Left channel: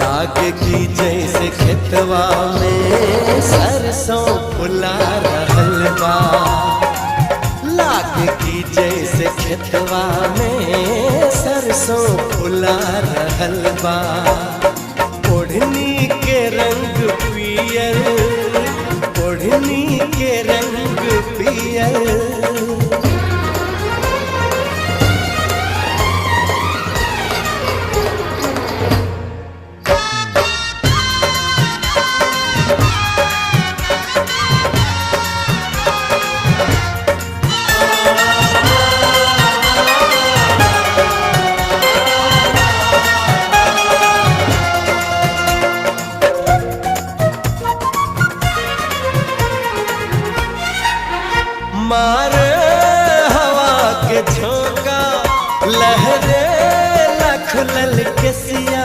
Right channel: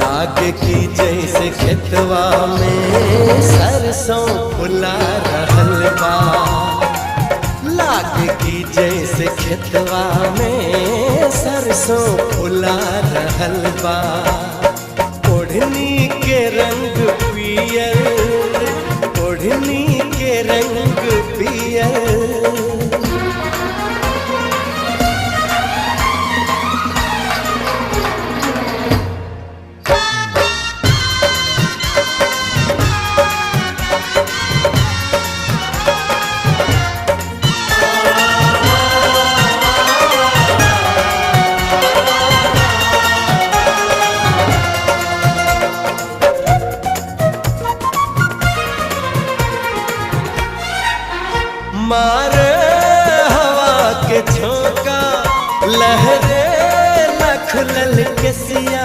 लागे की जैसे खेतवा में सरसों फुला रहल बा। लागे की जैसे खेतवा में सरसों फुला रहल बा। ओढ़नी के रंग पियर, ओढ़नी के रंग पियर। मारे हवा के झोंका, लहरे लखलल के सिया।